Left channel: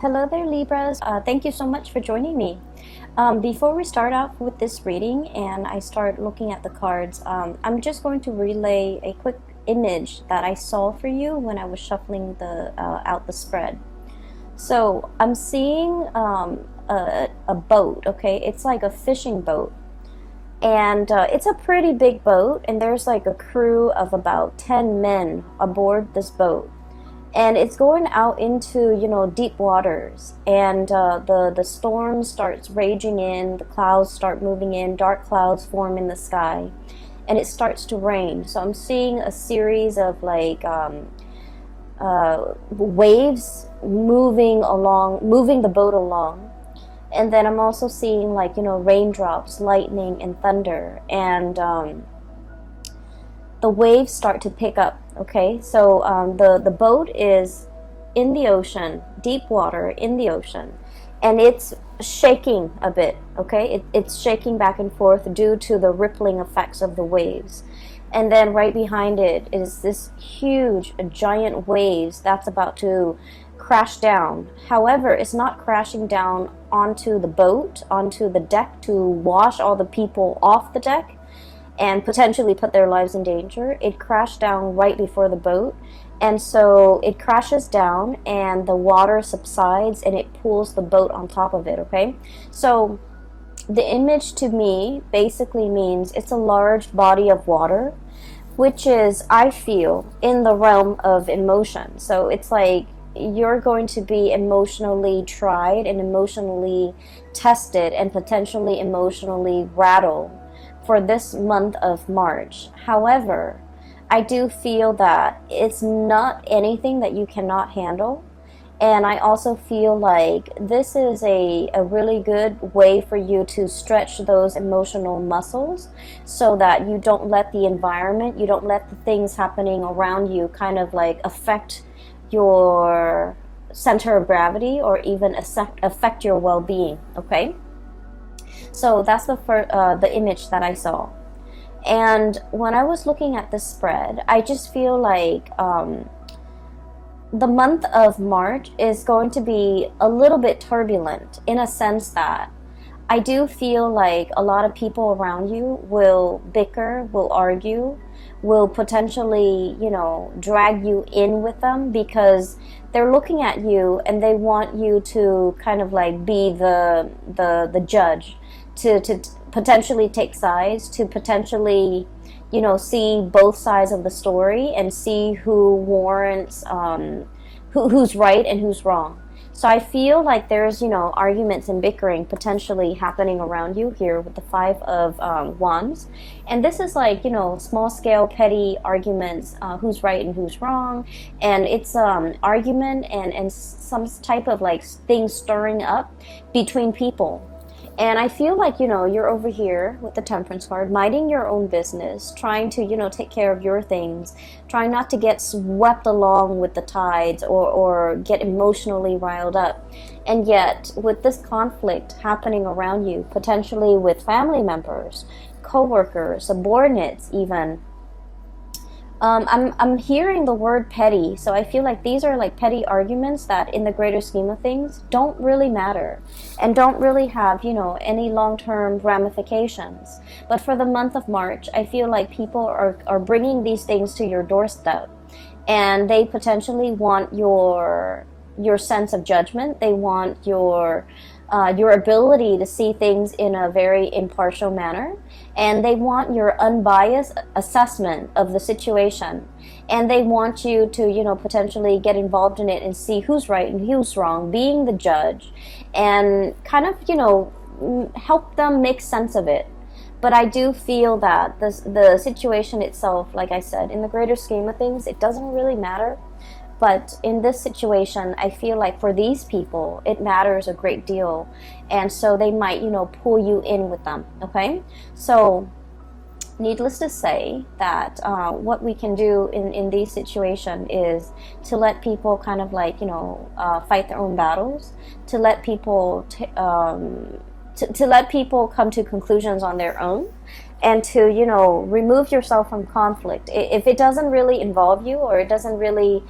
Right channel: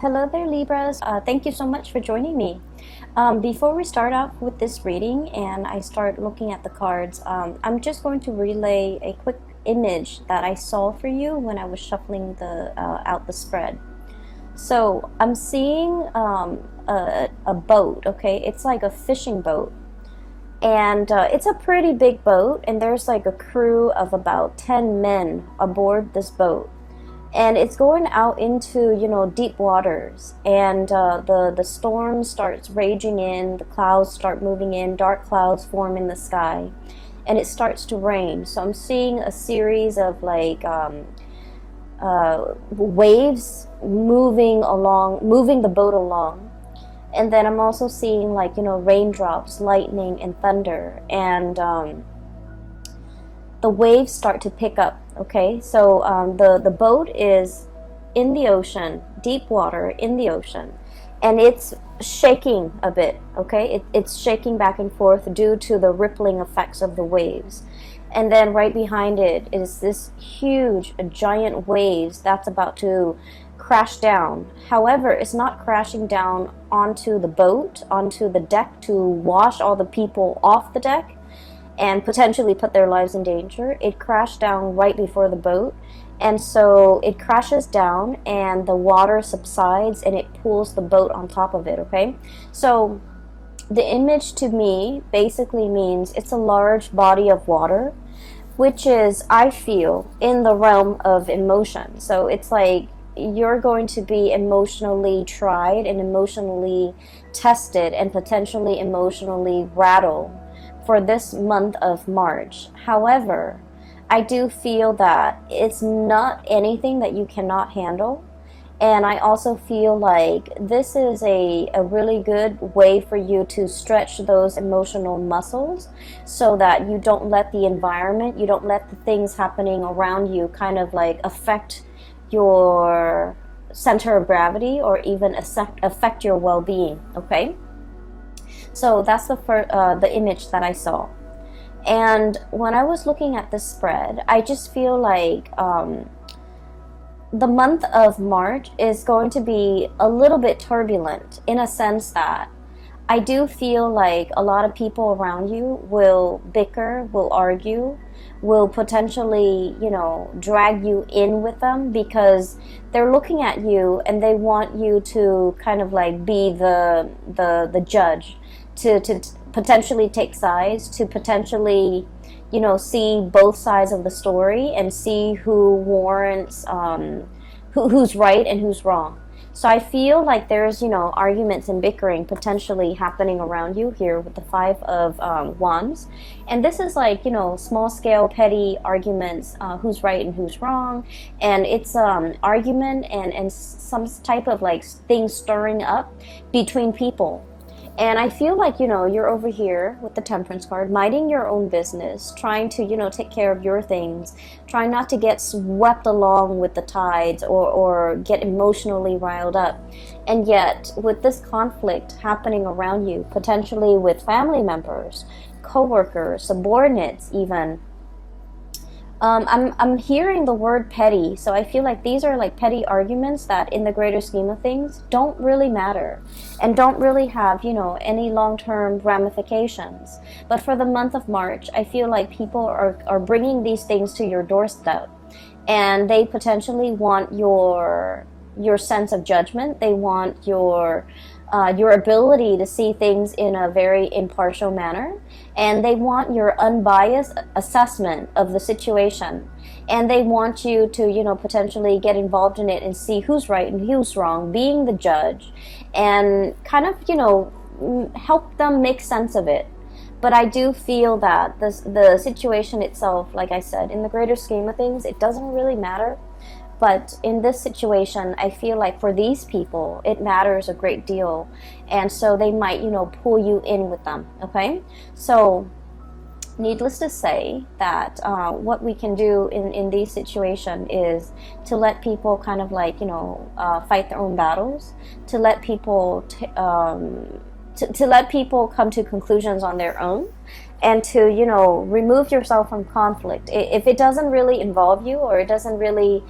Hello there, Libras. Thank you so much for joining me. Before we start off with this reading and I start looking at the cards, I'm just going to relay a quick image that I saw for you when I was shuffling out the spread. So I'm seeing a boat, okay? It's like a fishing boat. And it's a pretty big boat, and there's like a crew of about 10 men aboard this boat, and it's going out into deep waters, and the storm starts raging in, the clouds start moving in, dark clouds form in the sky, and it starts to rain. So I'm seeing a series of waves moving the boat along. And then I'm also seeing raindrops, lightning, and thunder, and the waves start to pick up. Okay, so the boat is in the ocean, deep water in the ocean, and it's shaking a bit. Okay, it's shaking back and forth due to the rippling effects of the waves. And then right behind it is this huge, giant waves that's about to crash down. However, it's not crashing down onto the boat, onto the deck to wash all the people off the deck and potentially put their lives in danger. It crashed down right before the boat, and so it crashes down and the water subsides and it pulls the boat on top of it. Okay, so the image to me basically means it's a large body of water, which is, I feel, in the realm of emotion. So it's like you're going to be emotionally tried and emotionally tested and potentially emotionally rattled for this month of March. However, I do feel that it's not anything that you cannot handle. And I also feel like this is a really good way for you to stretch those emotional muscles so that you don't let the environment, you don't let the things happening around you kind of like affect your center of gravity or even affect your well-being. Okay, so that's the image that I saw. And when I was looking at this spread, I just feel like the month of March is going to be a little bit turbulent, in a sense that I do feel like a lot of people around you will bicker, will argue, will potentially, drag you in with them because they're looking at you and they want you to kind of like be the judge, to potentially take sides, to potentially, see both sides of the story and see who warrants, who's right and who's wrong. So I feel like there's, arguments and bickering potentially happening around you here with the Five of Wands. And this is like, small scale, petty arguments, who's right and who's wrong. And it's argument and some type of like thing stirring up between people. And I feel like, you're over here with the Temperance card, minding your own business, trying to, take care of your things, trying not to get swept along with the tides or get emotionally riled up. And yet, with this conflict happening around you, potentially with family members, co-workers, subordinates even, I'm hearing the word petty, so I feel like these are like petty arguments that in the greater scheme of things don't really matter and don't really have, any long-term ramifications. But for the month of March, I feel like people are bringing these things to your doorstep, and they potentially want your sense of judgment. They want your ability to see things in a very impartial manner, and they want your unbiased assessment of the situation, and they want you to potentially get involved in it and see who's right and who's wrong, being the judge, and kind of help them make sense of it. But I do feel that the situation itself, like I said, in the greater scheme of things, it doesn't really matter. But in this situation, I feel like for these people, it matters a great deal. And so they might, pull you in with them, okay? So needless to say that what we can do in these situations is to let people kind of like, fight their own battles, to let people, to let people come to conclusions on their own, and to, remove yourself from conflict. If it doesn't really involve you, or it doesn't really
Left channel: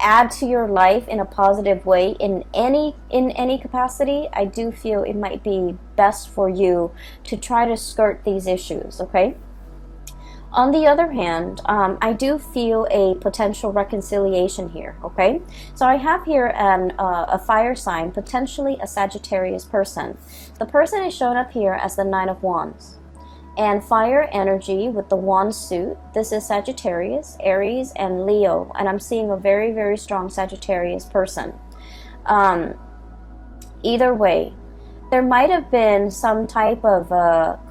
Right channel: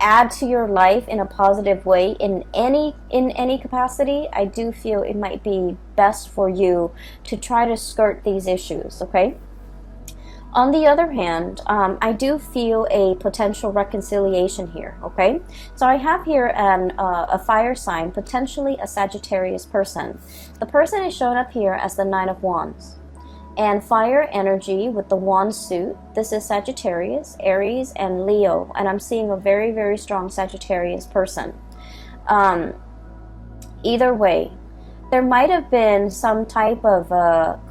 add to your life in a positive way in any capacity, I do feel it might be best for you to try to skirt these issues, okay? On the other hand, I do feel a potential reconciliation here, okay? So I have here a fire sign, potentially a Sagittarius person. The person is shown up here as the Nine of Wands. And fire energy with the wand suit. This is Sagittarius, Aries, and Leo. And I'm seeing a very, very strong Sagittarius person. Either way, there might have been some type of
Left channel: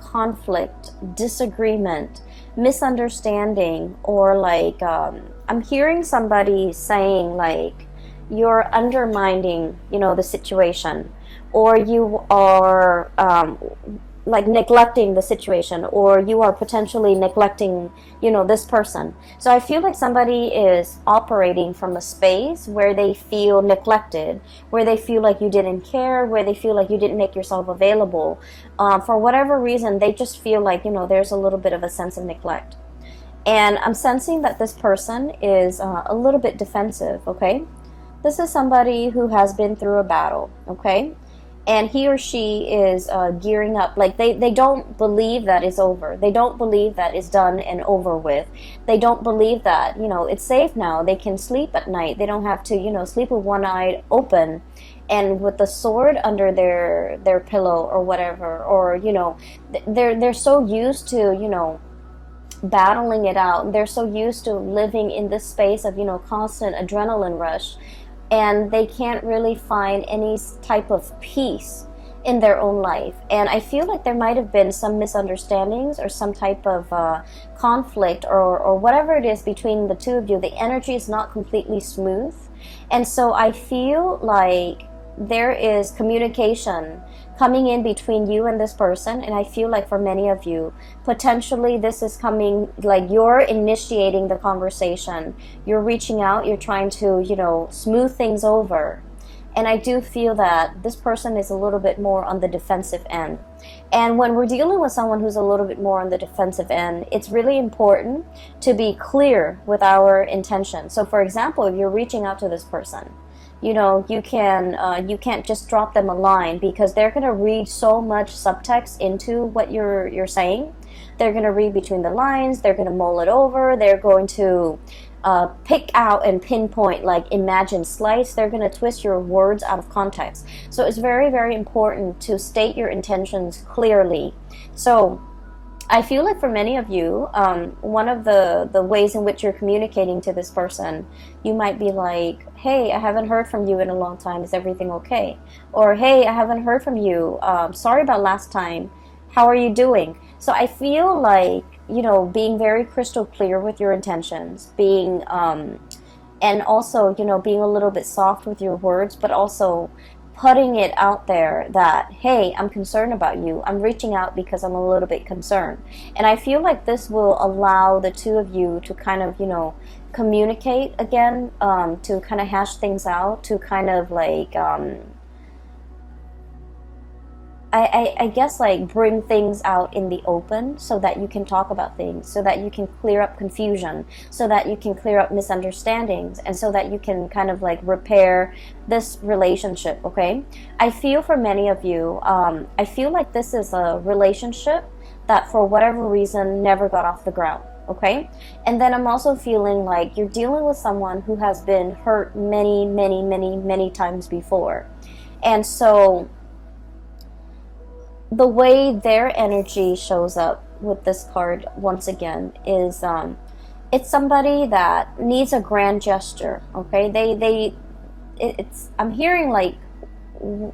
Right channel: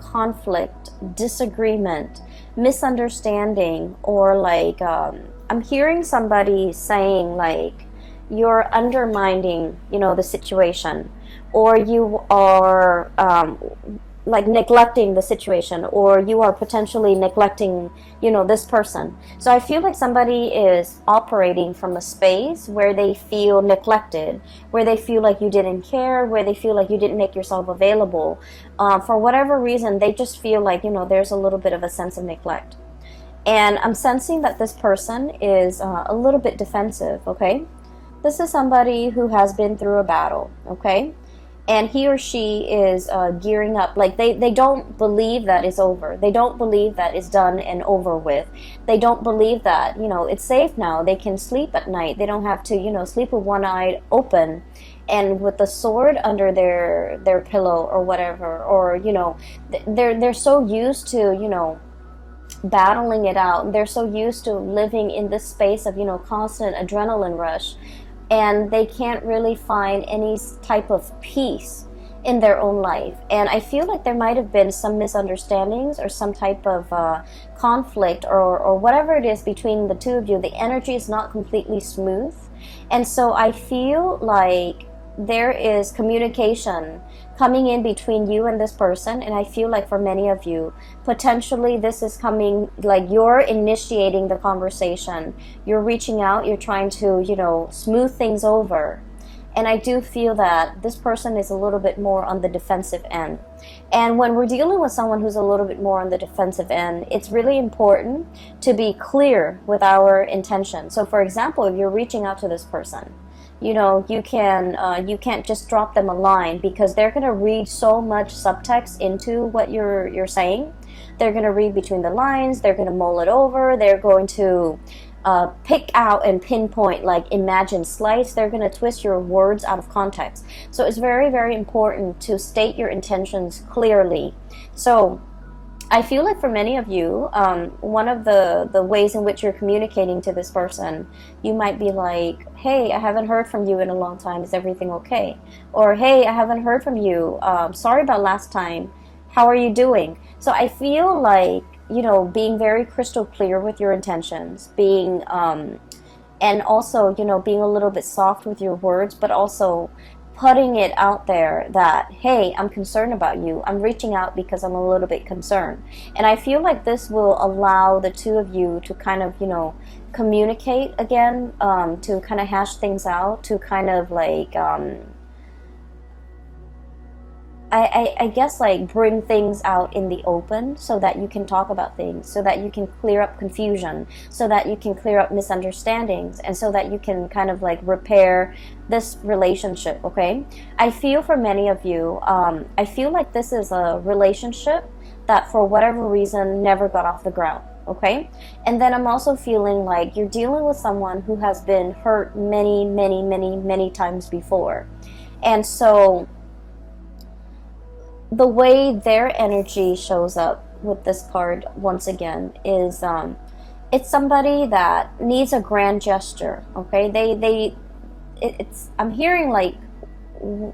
conflict, disagreement, misunderstanding, or like I'm hearing somebody saying like you're undermining, you know, the situation, or you are like neglecting the situation, or you are potentially neglecting, you know, this person. So I feel like somebody is operating from a space where they feel neglected, where they feel like you didn't care, where they feel like you didn't make yourself available. For whatever reason, they just feel like, you know, there's a little bit of a sense of neglect. And I'm sensing that this person is a little bit defensive, okay? This is somebody who has been through a battle, okay? And he or she is gearing up. Like they don't believe that it's over. They don't believe that it's done and over with. They don't believe that, you know, it's safe now. They can sleep at night. They don't have to, you know, sleep with one eye open and with the sword under their pillow or whatever. Or, you know, they're so used to, you know, battling it out. They're so used to living in this space of, you know, constant adrenaline rush. And they can't really find any type of peace in their own life. And I feel like there might have been some misunderstandings or some type of conflict or whatever it is between the two of you. The energy is not completely smooth. And so I feel like there is communication coming in between you and this person. And I feel like for many of you, potentially this is coming, like you're initiating the conversation. You're reaching out, you're trying to, you know, smooth things over. And I do feel that this person is a little bit more on the defensive end. And when we're dealing with someone who's a little bit more on the defensive end, it's really important to be clear with our intention. So for example, if you're reaching out to this person, you know, you can't just drop them a line, because they're going to read so much subtext into what you're saying. They're going to read between the lines. They're going to mull it over. They're going to pick out and pinpoint, like imagine slice. They're going to twist your words out of context. So it's very, very important to state your intentions clearly. So I feel like for many of you, one of the ways in which you're communicating to this person, you might be like, hey, I haven't heard from you in a long time. Is everything okay? Or, hey, I haven't heard from you. Sorry about last time. How are you doing? So I feel like, you know, being very crystal clear with your intentions, being, and also, you know, being a little bit soft with your words, but also putting it out there that, hey, I'm concerned about you. I'm reaching out because I'm a little bit concerned. And I feel like this will allow the two of you to kind of, you know, communicate again, to kind of hash things out, to kind of like, I guess like bring things out in the open so that you can talk about things, so that you can clear up confusion, so that you can clear up misunderstandings, and so that you can kind of like repair this relationship, okay? I feel for many of you, I feel like this is a relationship that for whatever reason never got off the ground, okay? And then I'm also feeling like you're dealing with someone who has been hurt many, many, many, many times before. And so the way their energy shows up with this card once again is it's somebody that needs a grand gesture, okay? I'm hearing like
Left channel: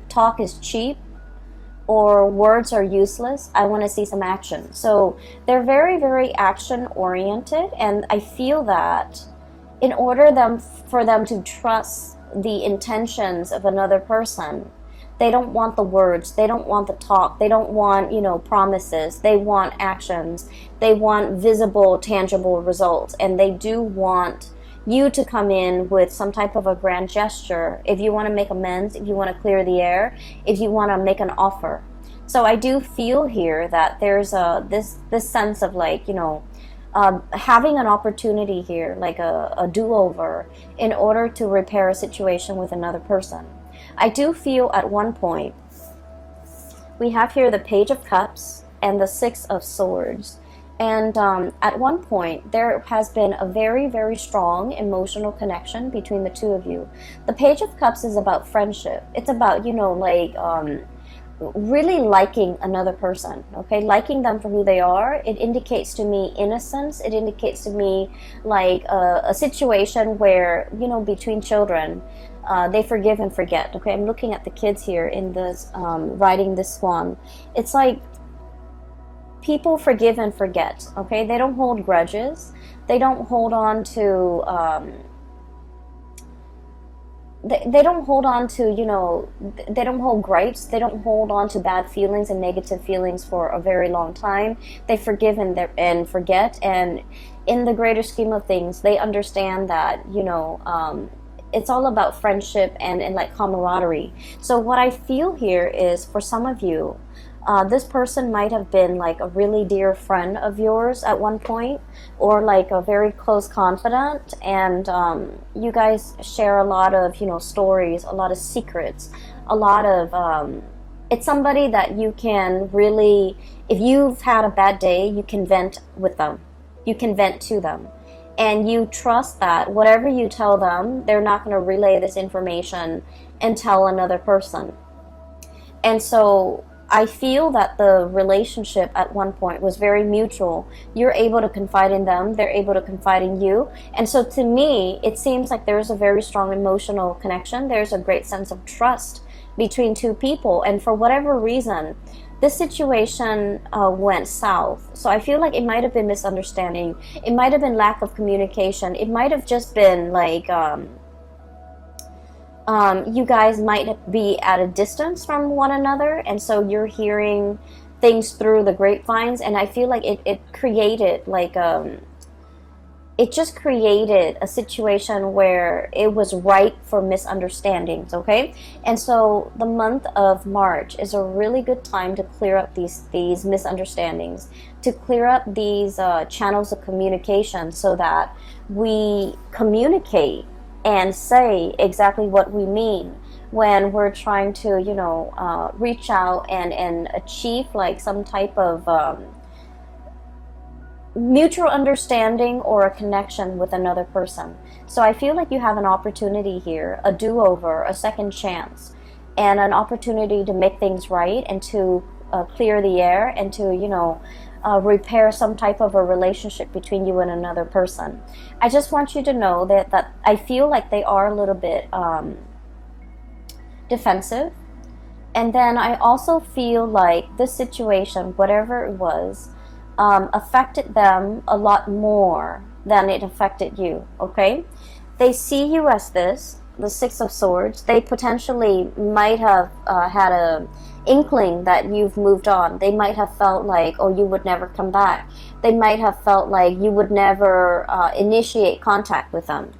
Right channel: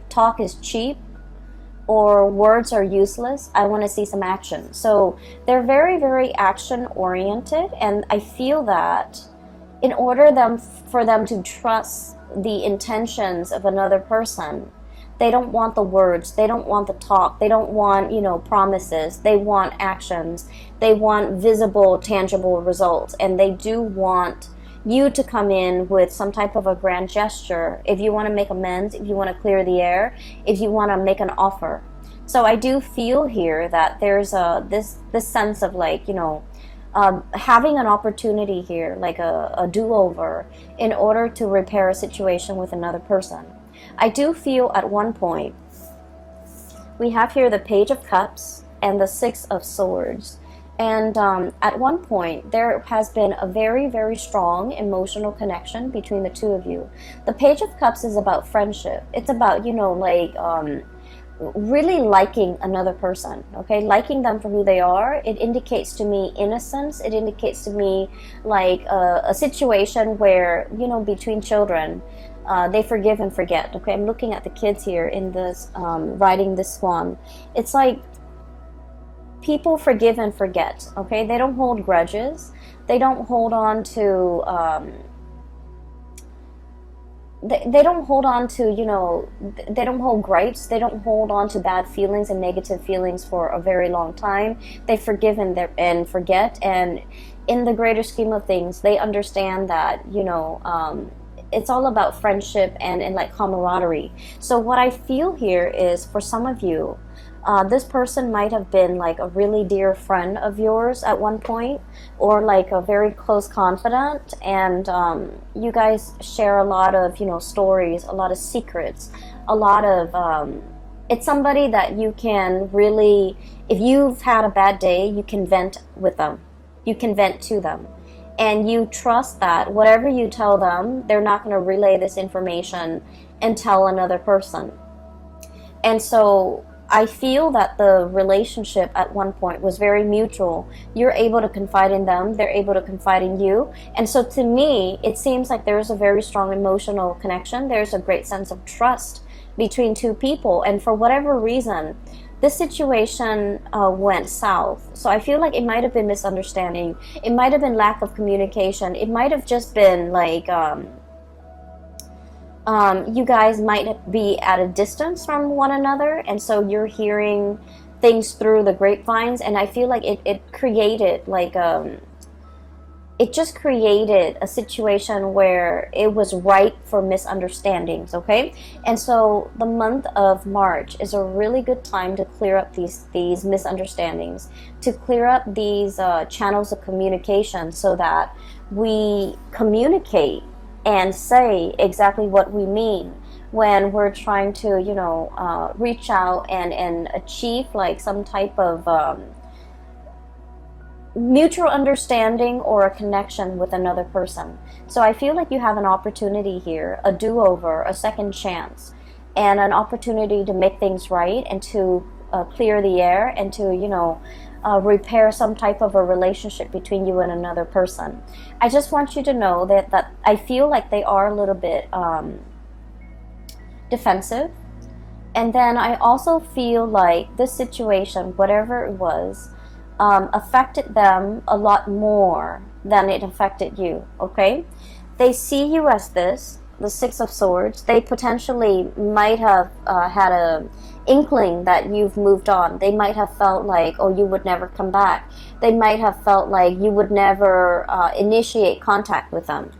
talk is cheap or words are useless. I want to see some action. So they're very, very action oriented, and I feel that in order for them to trust the intentions of another person, they don't want the words, they don't want the talk, they don't want, you know, promises, they want actions, they want visible, tangible results, and they do want you to come in with some type of a grand gesture if you want to make amends, if you want to clear the air, if you want to make an offer. So I do feel here that there's this sense of like, you know, having an opportunity here, like a do-over, in order to repair a situation with another person. I do feel at one point, we have here the Page of Cups and the Six of Swords. And at one point, there has been a very, very strong emotional connection between the two of you. The Page of Cups is about friendship. It's about, like, really liking another person, okay? Liking them for who they are. It indicates to me innocence. It indicates to me, like, a situation where, between children, they forgive and forget, okay? I'm looking at the kids here in this, riding this swan. It's like people forgive and forget, okay? They don't hold grudges. They don't hold on to, they don't hold on to, they don't hold gripes. They don't hold on to bad feelings and negative feelings for a very long time. They forgive and forget. And in the greater scheme of things, they understand that, it's all about friendship and like camaraderie. So what I feel here is, for some of you, this person might have been like a really dear friend of yours at one point, or like a very close confidant, and you guys share a lot of, stories, a lot of secrets, a lot of, it's somebody that you can really, if you've had a bad day, you can vent with them. You can vent to them. And you trust that whatever you tell them, they're not going to relay this information and tell another person. And so I feel that the relationship at one point was very mutual. You're able to confide in them, they're able to confide in you. And so to me, it seems like there's a very strong emotional connection. There's a great sense of trust between two people. And for whatever reason, this situation went south. So I feel like it might have been misunderstanding. It might have been lack of communication. It might have just been like, you guys might be at a distance from one another, and so you're hearing things through the grapevines. And I feel like it created like it just created a situation where it was ripe for misunderstandings, okay? And so the month of March is a really good time to clear up these misunderstandings, to clear up these channels of communication, so that we communicate and say exactly what we mean when we're trying to, reach out and achieve like some type of mutual understanding or a connection with another person. So I feel like you have an opportunity here, a do-over, a second chance, and an opportunity to make things right and to clear the air and to, repair some type of a relationship between you and another person. I just want you to know that I feel like they are a little bit defensive. And then I also feel like this situation, whatever it was, affected them a lot more than it affected you, okay? They see you as this, the Six of Swords. They potentially might have had a inkling that you've moved on. They might have felt like, oh, you would never come back. They might have felt like you would never initiate contact with them.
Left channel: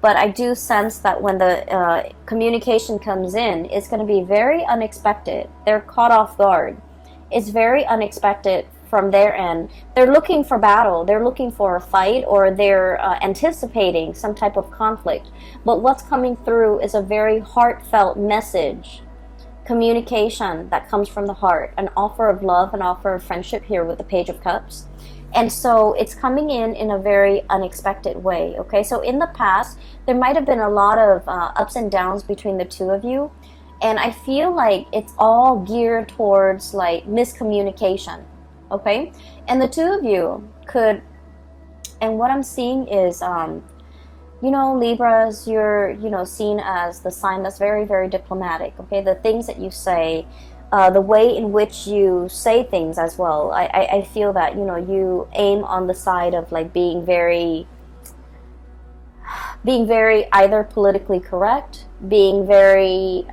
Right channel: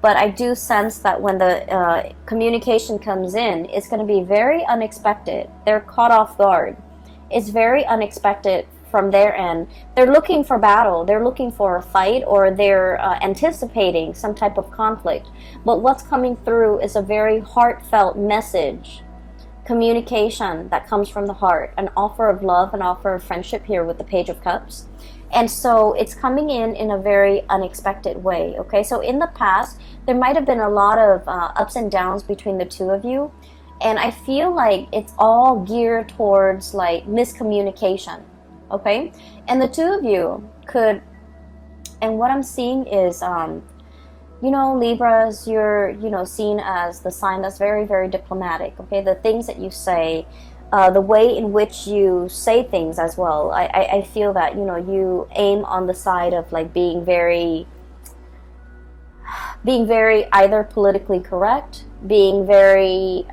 But I do sense that when the communication comes in, it's going to be very unexpected. They're caught off guard. It's very unexpected from their end. They're looking for battle. They're looking for a fight, or they're anticipating some type of conflict. But what's coming through is a very heartfelt message, communication that comes from the heart, an offer of love, an offer of friendship here with the Page of Cups. And so it's coming in a very unexpected way, okay? So in the past, there might have been a lot of ups and downs between the two of you. And I feel like it's all geared towards like miscommunication, okay? And the two of you could, and what I'm seeing is, Libras, you're, seen as the sign that's very, very diplomatic, okay? The things that you say, the way in which you say things as well. I feel that, you aim on the side of like being very either politically correct, being very,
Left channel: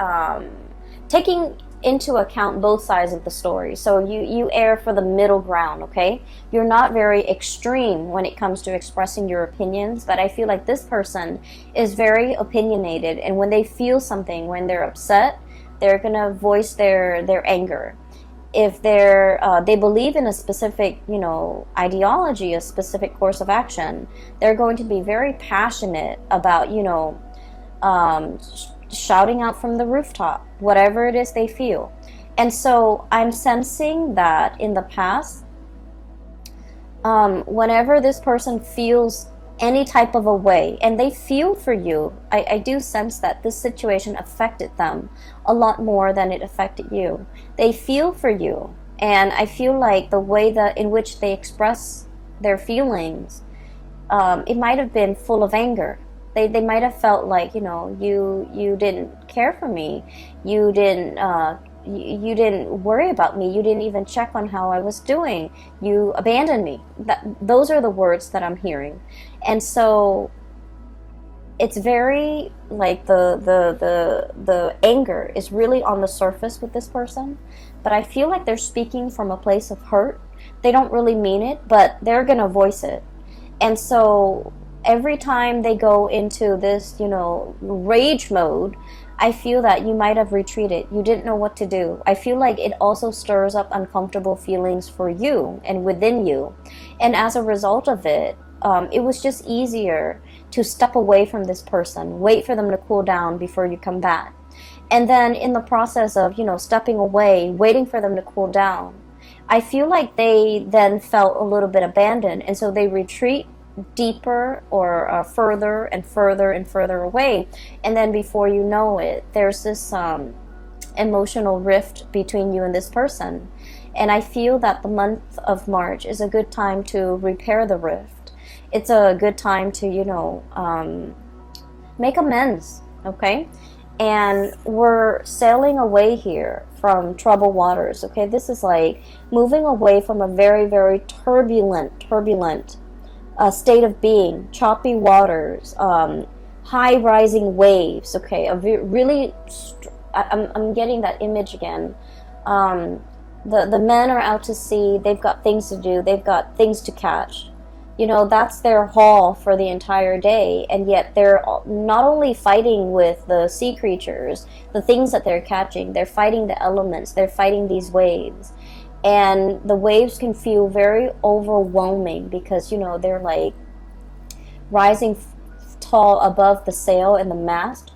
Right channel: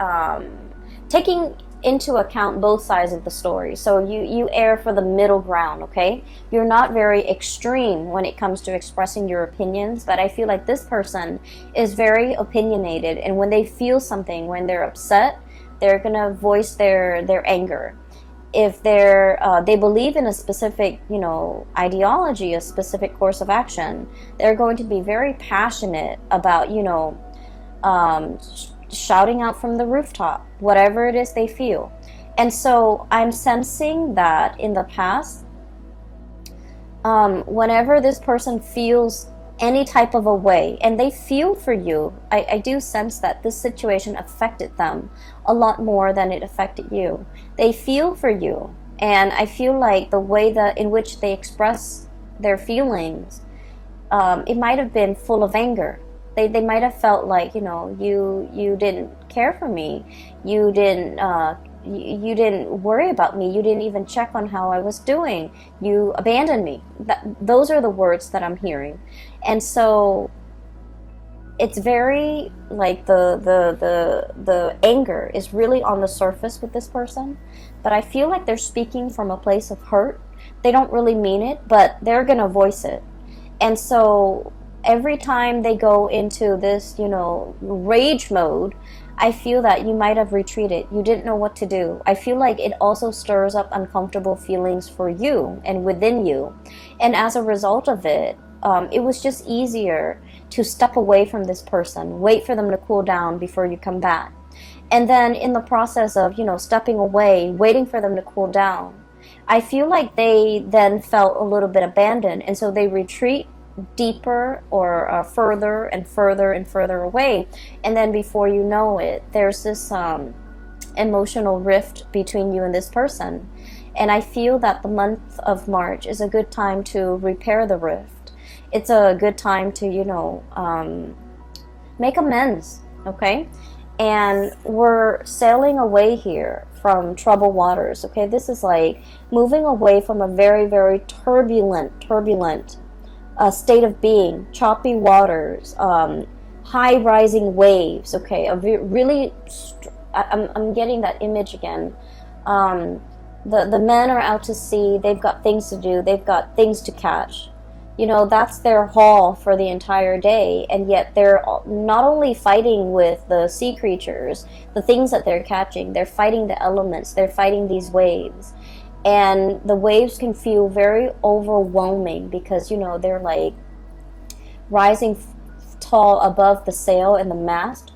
taking into account both sides of the story. So you err for the middle ground, okay? You're not very extreme when it comes to expressing your opinions, but I feel like this person is very opinionated, and when they feel something, when they're upset, they're gonna voice their anger. if they believe in a specific, you know, ideology, a specific course of action, they're going to be very passionate about, you know, shouting out from the rooftop, whatever it is they feel. And so I'm sensing that in the past, whenever this person feels any type of a way and they feel for you, I do sense that this situation affected them a lot more than it affected you. They feel for you, and I feel like the way that in which they express their feelings, it might have been full of anger. They might have felt like, you know, you didn't care for me, you didn't worry about me, you didn't even check on how I was doing, you abandoned me. Those are the words that I'm hearing. And so it's very like the anger is really on the surface with this person, but I feel like they're speaking from a place of hurt. They don't really mean it, but they're gonna voice it. And so every time they go into this, you know, rage mode, I feel that you might have retreated. You didn't know what to do. I feel like it also stirs up uncomfortable feelings for you and within you. And as a result of it, it was just easier to step away from this person, wait for them to cool down before you come back. And then in the process of, you know, stepping away, waiting for them to cool down, I feel like they then felt a little bit abandoned. And so they retreat deeper or further and further and further away. And then before you know it, there's this emotional rift between you and this person. And I feel that the month of March is a good time to repair the rift. It's a good time to, you know, make amends, okay? And we're sailing away here from troubled waters, okay? This is like moving away from a very, very turbulent state of being, choppy waters, high rising waves, okay? I'm getting that image again. The men are out to sea, they've got things to do, they've got things to catch. You know, that's their haul for the entire day, and yet they're not only fighting with the sea creatures, the things that they're catching, they're fighting the elements, they're fighting these waves. And the waves can feel very overwhelming because, you know, they're like rising tall above the sail and the mast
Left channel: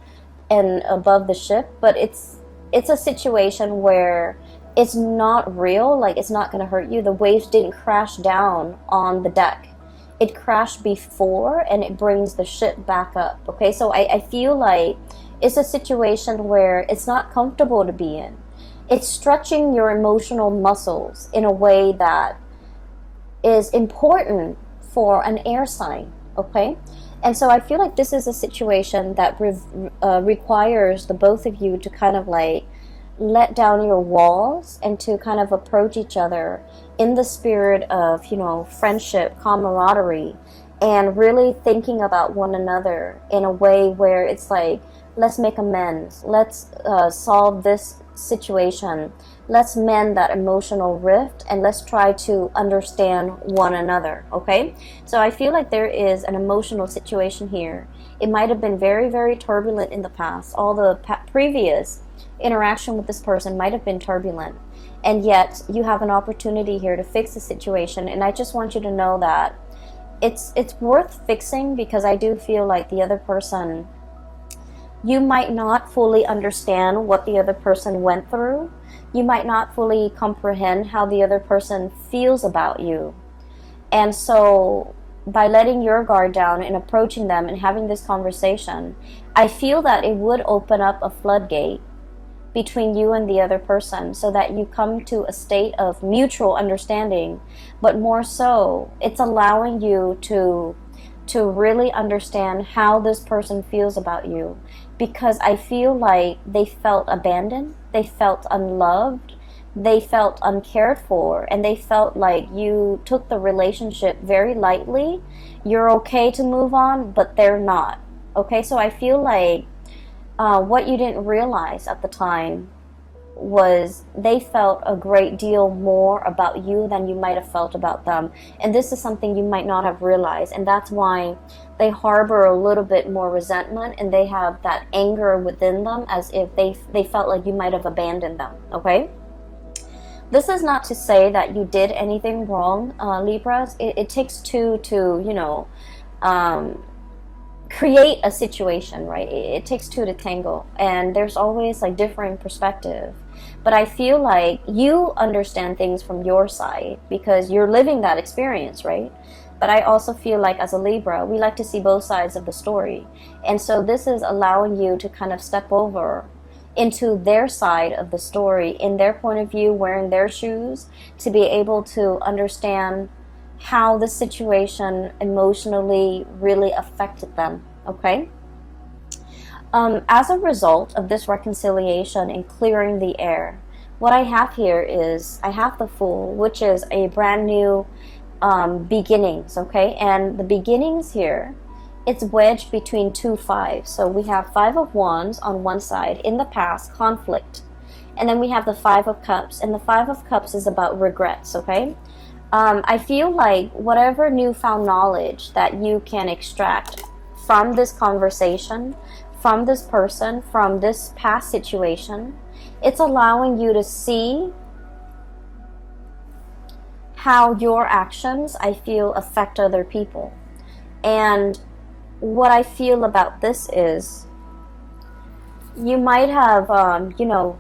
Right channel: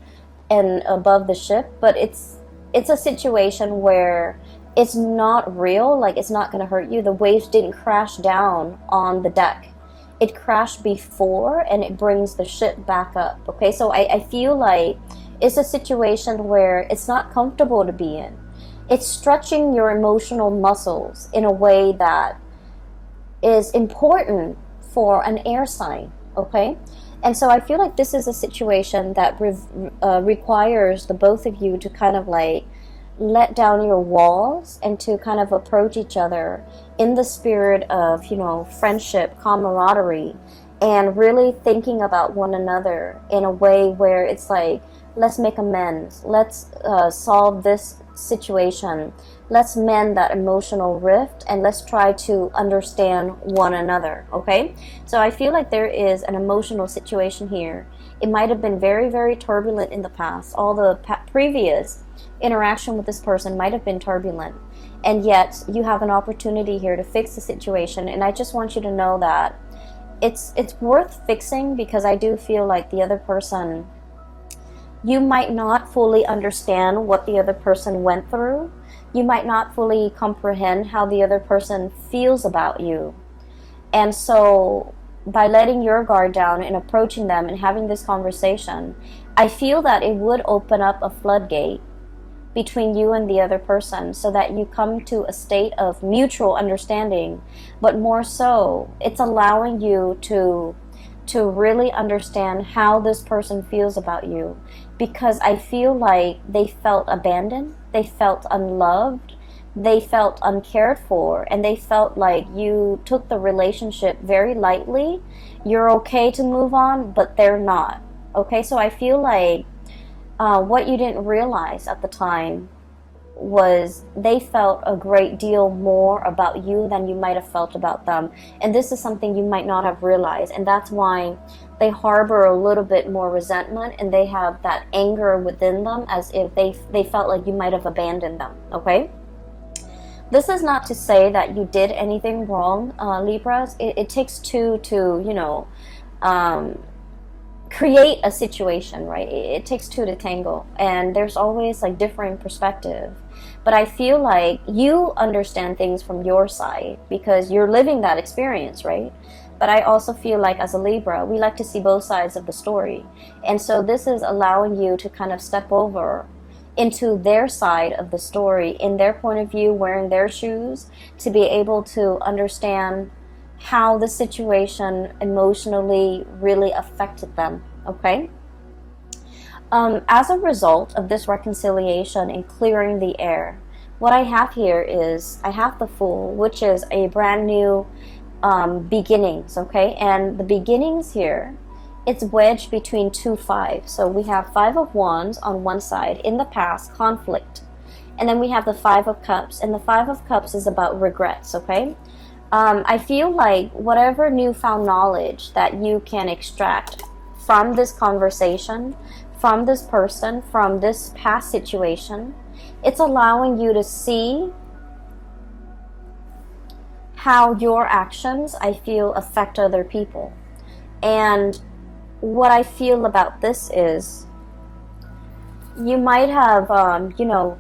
and above the ship. But it's a situation where it's not real, like it's not going to hurt you. The waves didn't crash down on the deck. It crashed before and it brings the ship back up. Okay, so I feel like it's a situation where it's not comfortable to be in. It's stretching your emotional muscles in a way that is important for an air sign, okay? And so I feel like this is a situation that requires the both of you to kind of like let down your walls and to kind of approach each other in the spirit of, you know, friendship, camaraderie, and really thinking about one another in a way where it's like, let's make amends, let's solve this situation, let's mend that emotional rift, and let's try to understand one another, okay? So I feel like there is an emotional situation here. It might have been very, very turbulent in the past. All the previous interaction with this person might have been turbulent, and yet you have an opportunity here to fix the situation. And I just want you to know that it's worth fixing, because I do feel like the other person, you might not fully understand what the other person went through. You might not fully comprehend how the other person feels about you. And so by letting your guard down and approaching them and having this conversation, I feel that it would open up a floodgate between you and the other person, so that you come to a state of mutual understanding. But more so, it's allowing you to really understand how this person feels about you. Because I feel like they felt abandoned, they felt unloved, they felt uncared for, and they felt like you took the relationship very lightly. You're okay to move on, but they're not. Okay, so I feel like what you didn't realize at the time was they felt a great deal more about you than you might have felt about them. And this is something you might not have realized, and that's why they harbor a little bit more resentment, and they have that anger within them, as if they felt like you might have abandoned them, okay? This is not to say that you did anything wrong, Libras. It takes two to, you know, create a situation, right? It takes two to tango, and there's always like different perspective. But I feel like you understand things from your side because you're living that experience, right? But I also feel like as a Libra, we like to see both sides of the story. And so this is allowing you to kind of step over into their side of the story, in their point of view, wearing their shoes, to be able to understand how the situation emotionally really affected them, okay? As a result of this reconciliation and clearing the air, what I have here is I have the Fool, which is a brand new beginnings, okay? And the beginnings here, it's wedged between two fives. So we have Five of Wands on one side, in the past, conflict. And then we have the Five of Cups, and the Five of Cups is about regrets, okay? I feel like whatever newfound knowledge that you can extract from this conversation, from this person, from this past situation, it's allowing you to see how your actions, I feel, affect other people. And what I feel about this is you might have, you know,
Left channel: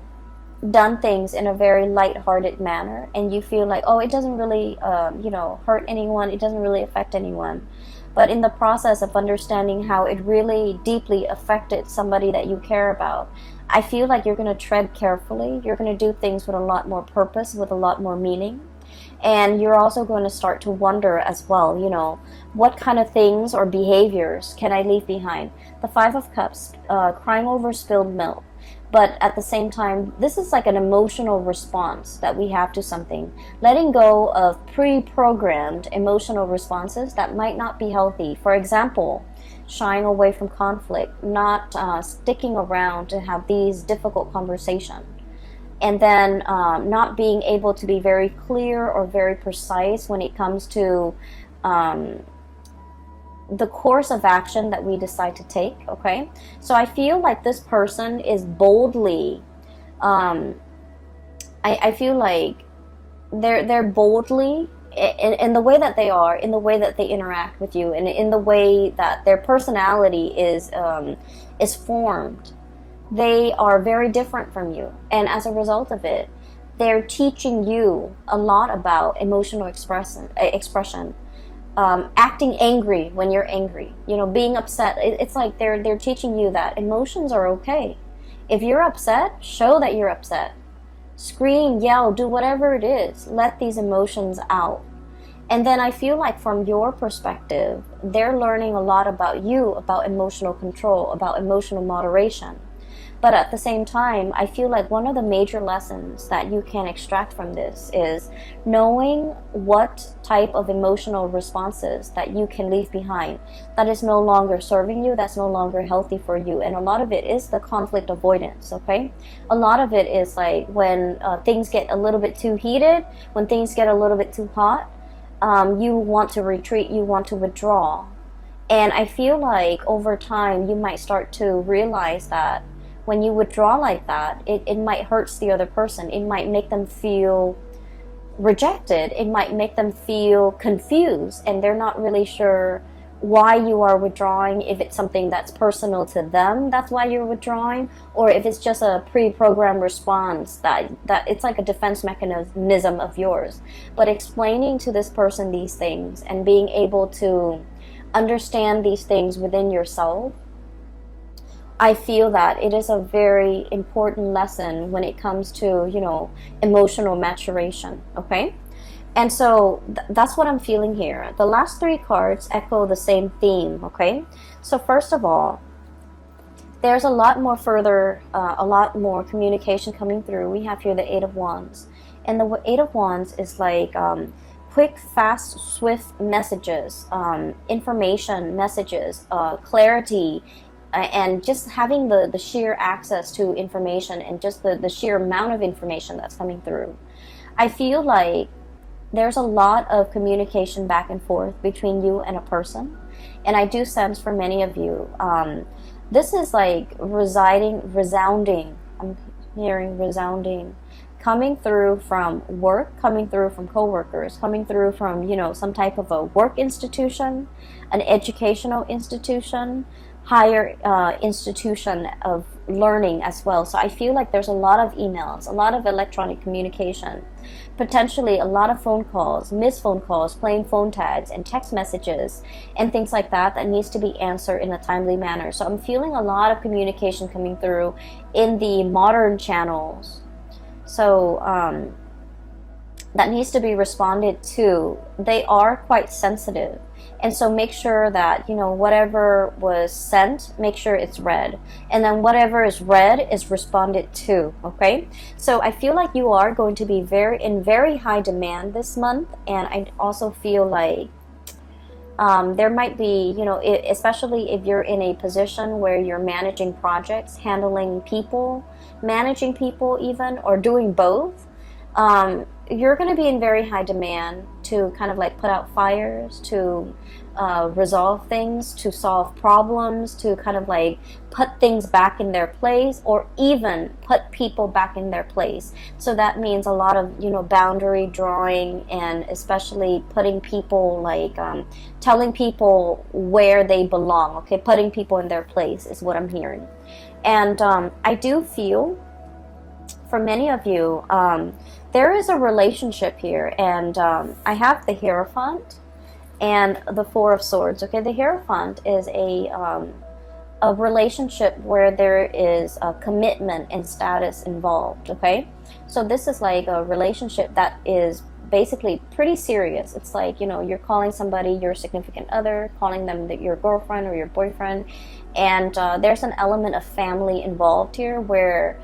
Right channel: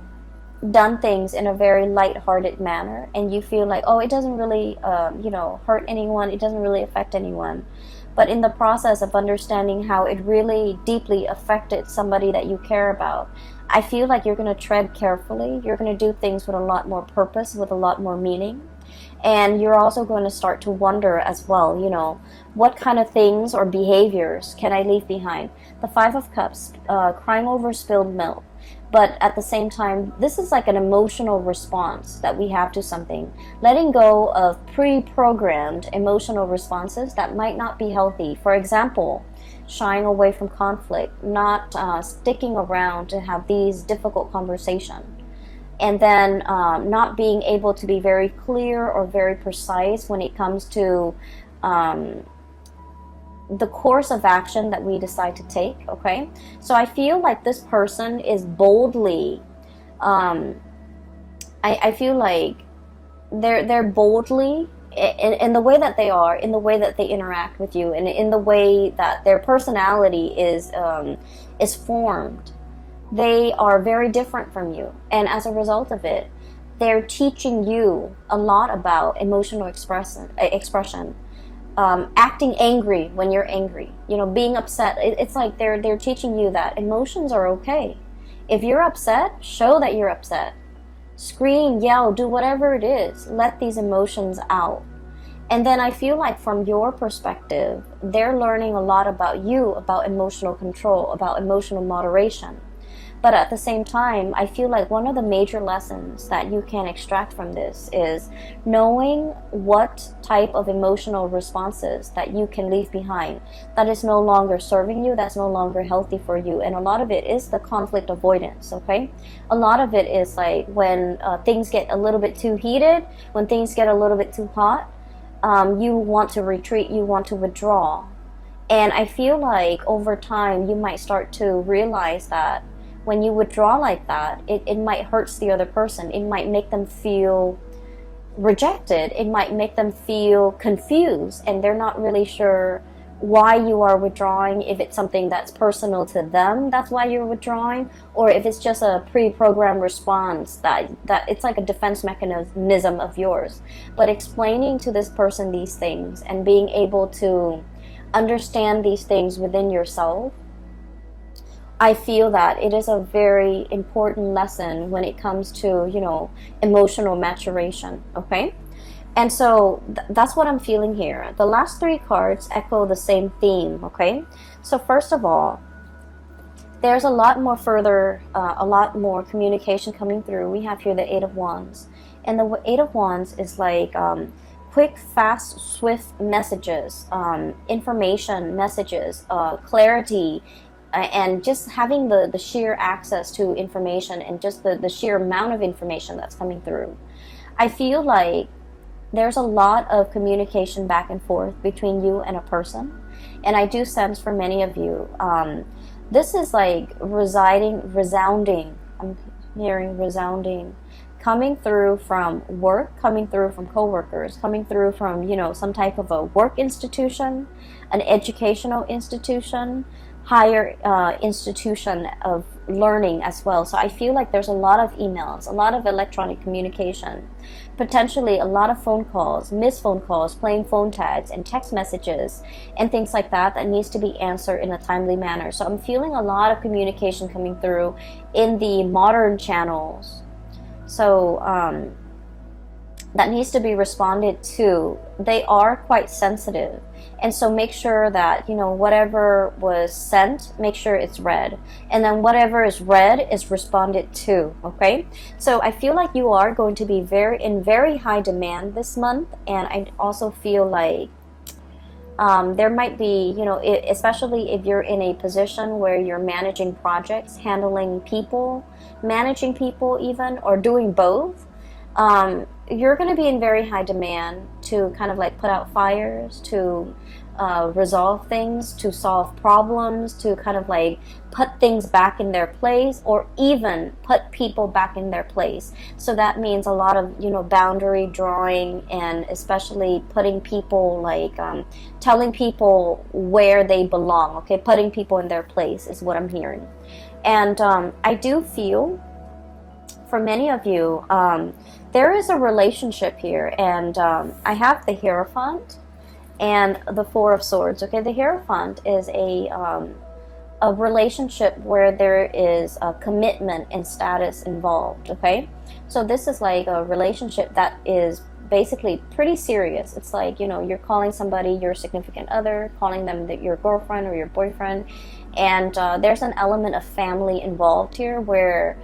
done things in a very light-hearted manner, and you feel like, oh, it doesn't really, you know, hurt anyone, it doesn't really affect anyone. But in the process of understanding how it really deeply affected somebody that you care about, I feel like you're going to tread carefully. You're going to do things with a lot more purpose, with a lot more meaning. And you're also going to start to wonder as well, you know, what kind of things or behaviors can I leave behind? The Five of Cups, crying over spilled milk. But at the same time, this is like an emotional response that we have to something. Letting go of pre-programmed emotional responses that might not be healthy. For example, shying away from conflict, not sticking around to have these difficult conversations. And then not being able to be very clear or very precise when it comes to the course of action that we decide to take, okay? So I feel like this person is boldly, I feel like they're boldly, in the way that they are, in the way that they interact with you, and in the way that their personality is formed. They are very different from you, and as a result of it, they're teaching you a lot about emotional expression. Acting angry when you're angry, you know, being upset. It's like they're teaching you that emotions are okay. If you're upset, show that you're upset. Scream, yell, do whatever it is. Let these emotions out. And then I feel like from your perspective, they're learning a lot about you, about emotional control, about emotional moderation. But at the same time, I feel like one of the major lessons that you can extract from this is knowing what type of emotional responses that you can leave behind that is no longer serving you, that's no longer healthy for you. And a lot of it is the conflict avoidance, okay? A lot of it is like when things get a little bit too heated, when things get a little bit too hot, you want to retreat, you want to withdraw. And I feel like over time, you might start to realize that when you withdraw like that, it might hurt the other person. It might make them feel rejected. It might make them feel confused, and they're not really sure why you are withdrawing, if it's something that's personal to them, that's why you're withdrawing, or if it's just a pre-programmed response that it's like a defense mechanism of yours. But explaining to this person these things and being able to understand these things within yourself, I feel that it is a very important lesson when it comes to, you know, emotional maturation, okay? And so that's what I'm feeling here. The last three cards echo the same theme, okay? So first of all, there's a lot more communication coming through. We have here the Eight of Wands. And the Eight of Wands is like quick, fast, swift messages, information messages, clarity, and just having the sheer access to information and just the sheer amount of information that's coming through. I feel like there's a lot of communication back and forth between you and a person. And I do sense for many of you, this is like resounding. I'm hearing resounding. coming through from work, coming through from coworkers, coming through from, you know, some type of a work institution, an educational institution, higher institution of learning as well. So I feel like there's a lot of emails, a lot of electronic communication, potentially a lot of phone calls, missed phone calls, playing phone tags and text messages and things like that that needs to be answered in a timely manner. So I'm feeling a lot of communication coming through in the modern channels. So that needs to be responded to. They are quite sensitive. And so make sure that, you know, whatever was sent, make sure it's read. And then whatever is read is responded to, okay? So I feel like you are going to be in very high demand this month. And I also feel like there might be, you know, especially if you're in a position where you're managing projects, handling people, managing people even, or doing both, you're going to be in very high demand to kind of like put out fires, to resolve things, to solve problems, to kind of like put things back in their place, or even put people back in their place. So that means a lot of, you know, boundary drawing, and especially putting people like telling people where they belong, okay? Putting people in their place is what I'm hearing. And I do feel for many of you, there is a relationship here, and I have the Hierophant and the Four of Swords. Okay, the Hierophant is a relationship where there is a commitment and status involved. Okay, so this is like a relationship that is basically pretty serious. It's like, you know, you're calling somebody your significant other, calling them your girlfriend or your boyfriend, and there's an element of family involved here where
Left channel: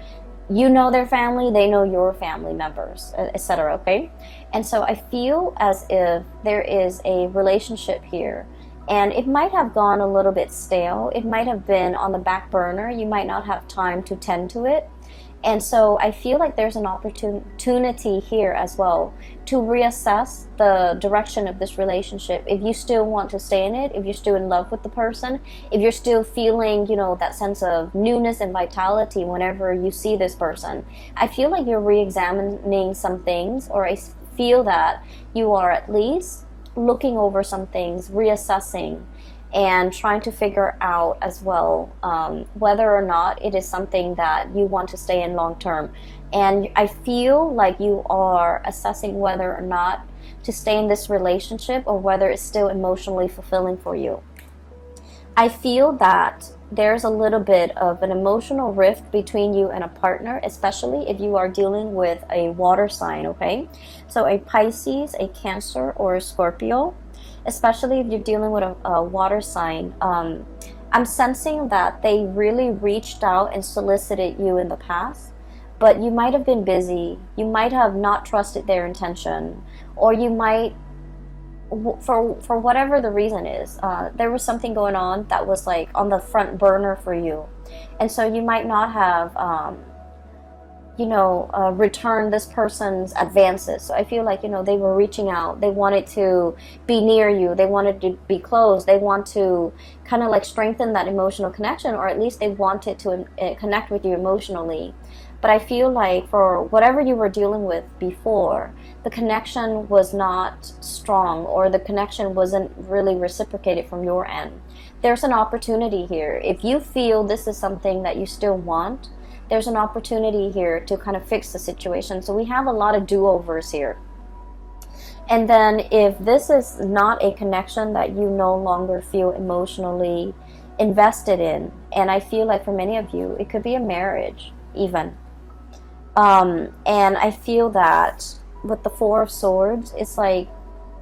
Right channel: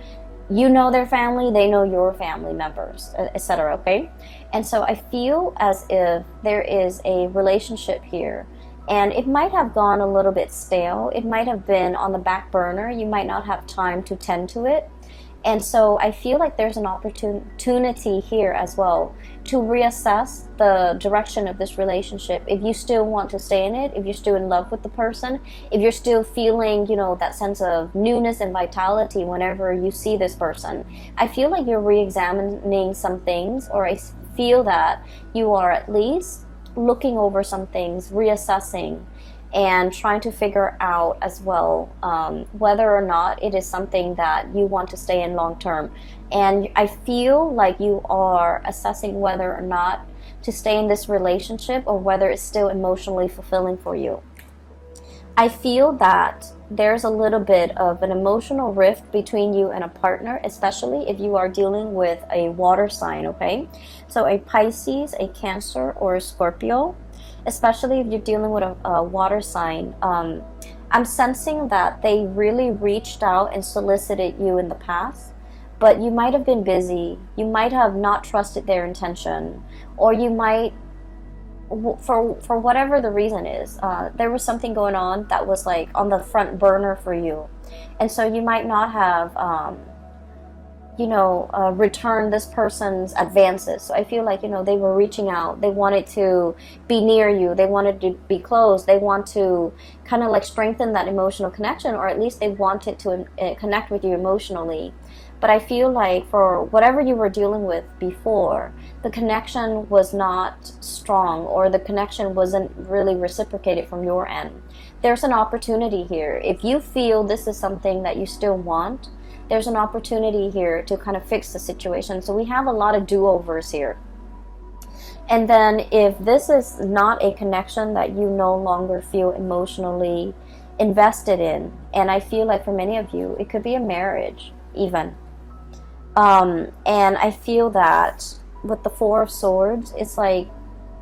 you know their family, they know your family members, etc. Okay, and so I feel as if there is a relationship here, and it might have gone a little bit stale. It might have been on the back burner. You might not have time to tend to it. And so I feel like there's an opportunity here as well to reassess the direction of this relationship. If you still want to stay in it, if you're still in love with the person, if you're still feeling, you know, that sense of newness and vitality whenever you see this person, I feel like you're re-examining some things, or I feel that you are at least looking over some things, reassessing, and trying to figure out as well whether or not it is something that you want to stay in long term. And I feel like you are assessing whether or not to stay in this relationship, or whether it's still emotionally fulfilling for you. I feel that there's a little bit of an emotional rift between you and a partner, especially if you are dealing with a water sign, okay? So a Pisces, a Cancer, or a Scorpio. Especially if you're dealing with a water sign, I'm sensing that they really reached out and solicited you in the past, but you might have been busy. You might have not trusted their intention, or you might, for whatever the reason is, there was something going on that was like on the front burner for you, and so you might not have return this person's advances. So I feel like, you know, they were reaching out. They wanted to be near you. They wanted to be close. They want to kind of like strengthen that emotional connection, or at least they wanted to connect with you emotionally. But I feel like for whatever you were dealing with before, the connection was not strong, or the connection wasn't really reciprocated from your end. There's an opportunity here. If you feel this is something that you still want, there's an opportunity here to kind of fix the situation. So we have a lot of do-overs here. And then if this is not a connection that you no longer feel emotionally invested in, and I feel like for many of you, it could be a marriage even. And I feel that with the Four of Swords, it's like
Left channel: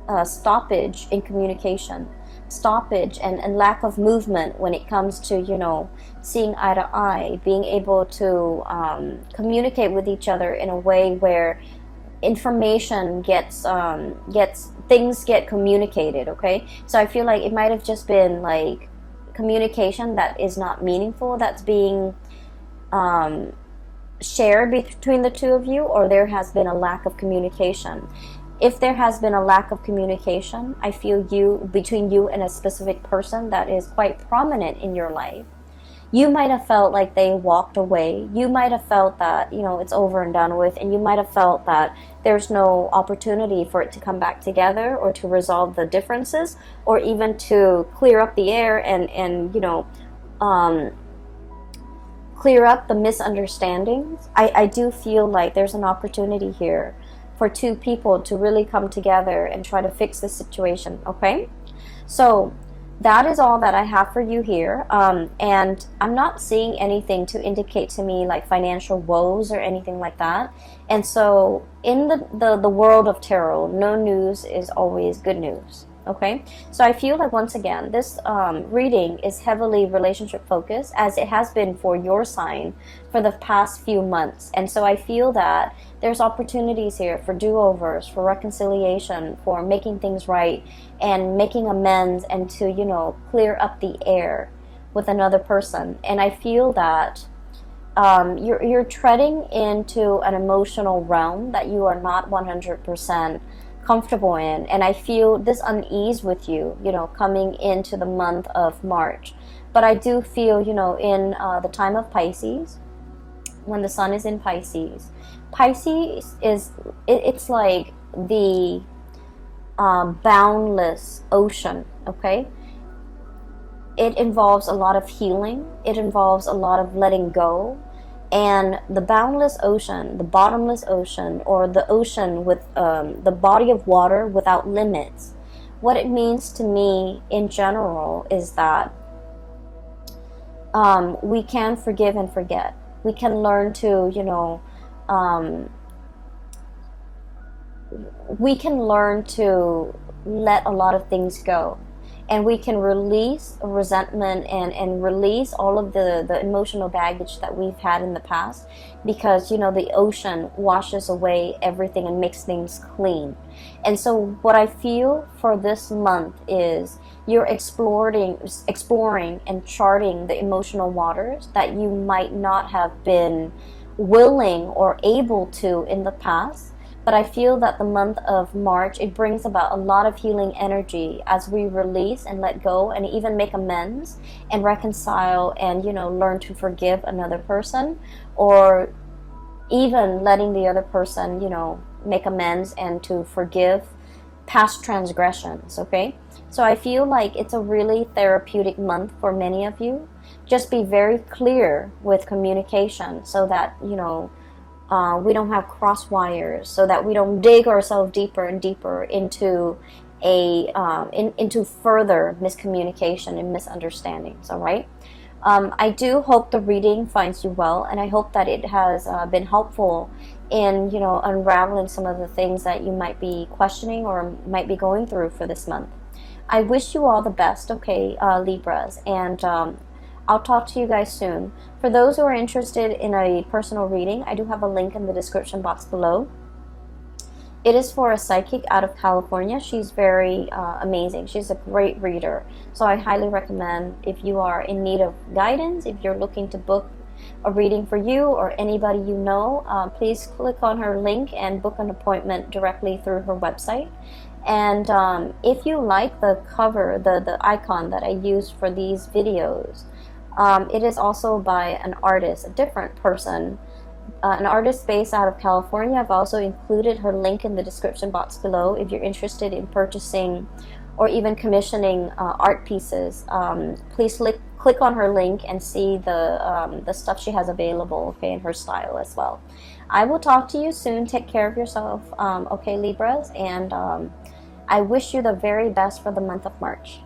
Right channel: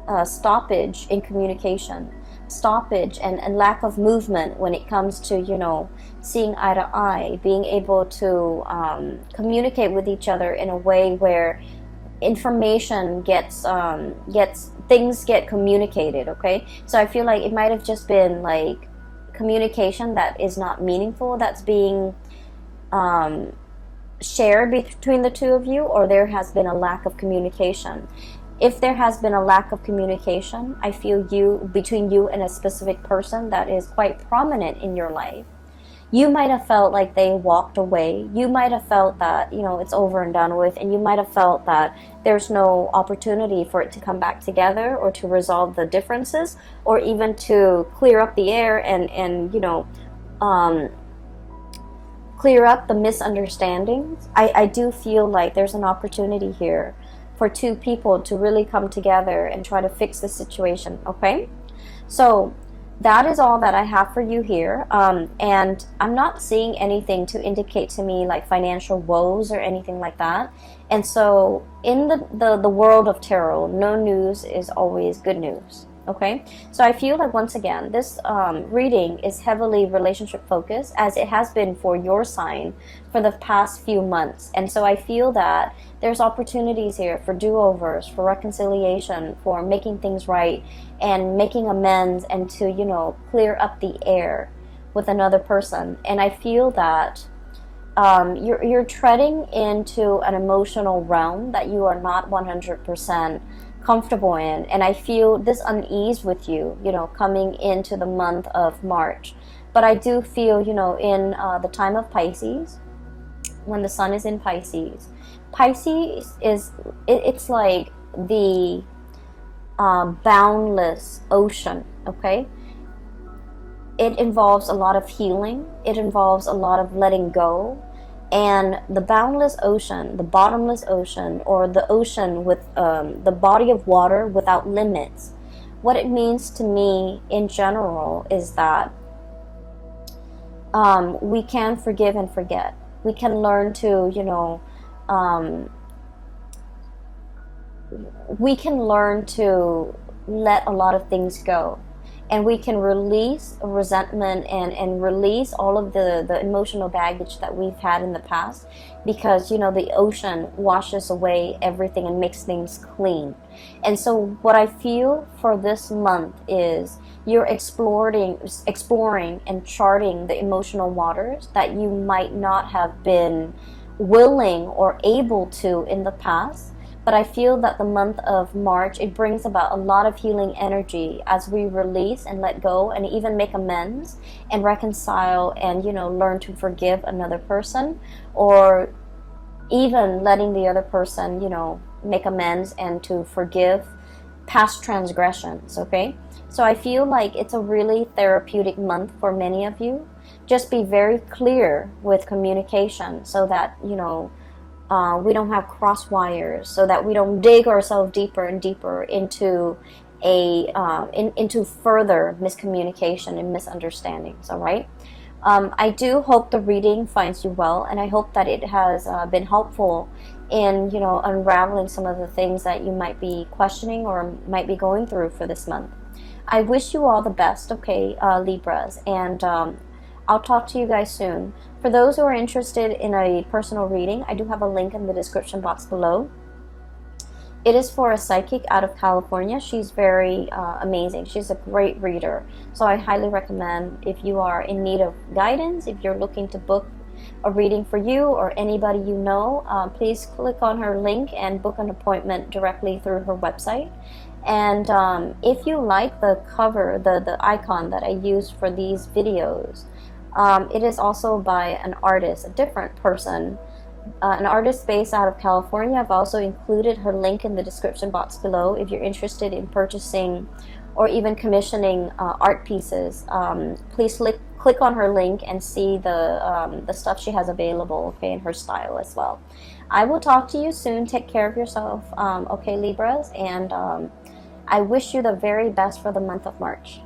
a stoppage in communication. Stoppage and lack of movement when it comes to, you know, seeing eye to eye, being able to communicate with each other in a way where information things get communicated. Okay, so I feel like it might have just been like communication that is not meaningful, that's being shared between the two of you, or there has been a lack of communication. If there has been a lack of communication, I feel between you and a specific person that is quite prominent in your life, You might have felt like they walked away. You might have felt that, you know, it's over and done with, and you might have felt that there's no opportunity for it to come back together or to resolve the differences or even to clear up the air and you know, clear up the misunderstandings. I do feel like there's an opportunity here for two people to really come together and try to fix the situation, okay? So that is all that I have for you here. And I'm not seeing anything to indicate to me like financial woes or anything like that. And so in the world of tarot, no news is always good news. Okay, so I feel that once again, this reading is heavily relationship focused, as it has been for your sign for the past few months. And so I feel that there's opportunities here for do-overs, for reconciliation, for making things right and making amends, and to, you know, clear up the air with another person. And I feel that you're treading into an emotional realm that you are not 100% comfortable in, and I feel this unease with you, you know, coming into the month of March. But I do feel, you know, in the time of Pisces, when the sun is in Pisces, Pisces is it's like the boundless ocean. Okay, it involves a lot of healing. It involves a lot of letting go. And the boundless ocean, the bottomless ocean, or the ocean with the body of water without limits, what it means to me in general is that we can forgive and forget. We can learn to, you know, we can learn to let a lot of things go. And we can release resentment and release all of the emotional baggage that we've had in the past, because, you know, the ocean washes away everything and makes things clean. And so what I feel for this month is you're exploring and charting the emotional waters that you might not have been willing or able to in the past. But I feel that the month of March, it brings about a lot of healing energy as we release and let go and even make amends and reconcile and, you know, learn to forgive another person, or even letting the other person, you know, make amends and to forgive past transgressions, okay? So I feel like it's a really therapeutic month for many of you. Just be very clear with communication so that, you know, we don't have cross wires, so that we don't dig ourselves deeper and deeper into into further miscommunication and misunderstandings. All right. I do hope the reading finds you well, and I hope that it has been helpful in, you know, unraveling some of the things that you might be questioning or might be going through for this month. I wish you all the best, okay, Libras, and I'll talk to you guys soon. For those who are interested in a personal reading, I do have a link in the description box below. It is for a psychic out of California. She's very amazing. She's a great reader. So I highly recommend, if you are in need of guidance, if you're looking to book a reading for you or anybody you know, please click on her link and book an appointment directly through her website. And if you like the cover, the icon that I use for these videos, it is also by an artist, a different person, an artist based out of California. I've also included her link in the description box below if you're interested in purchasing or even commissioning art pieces. Please click on her link and see the stuff she has available, okay, in her style as well. I will talk to you soon. Take care of yourself, okay, Libras, and I wish you the very best for the month of March.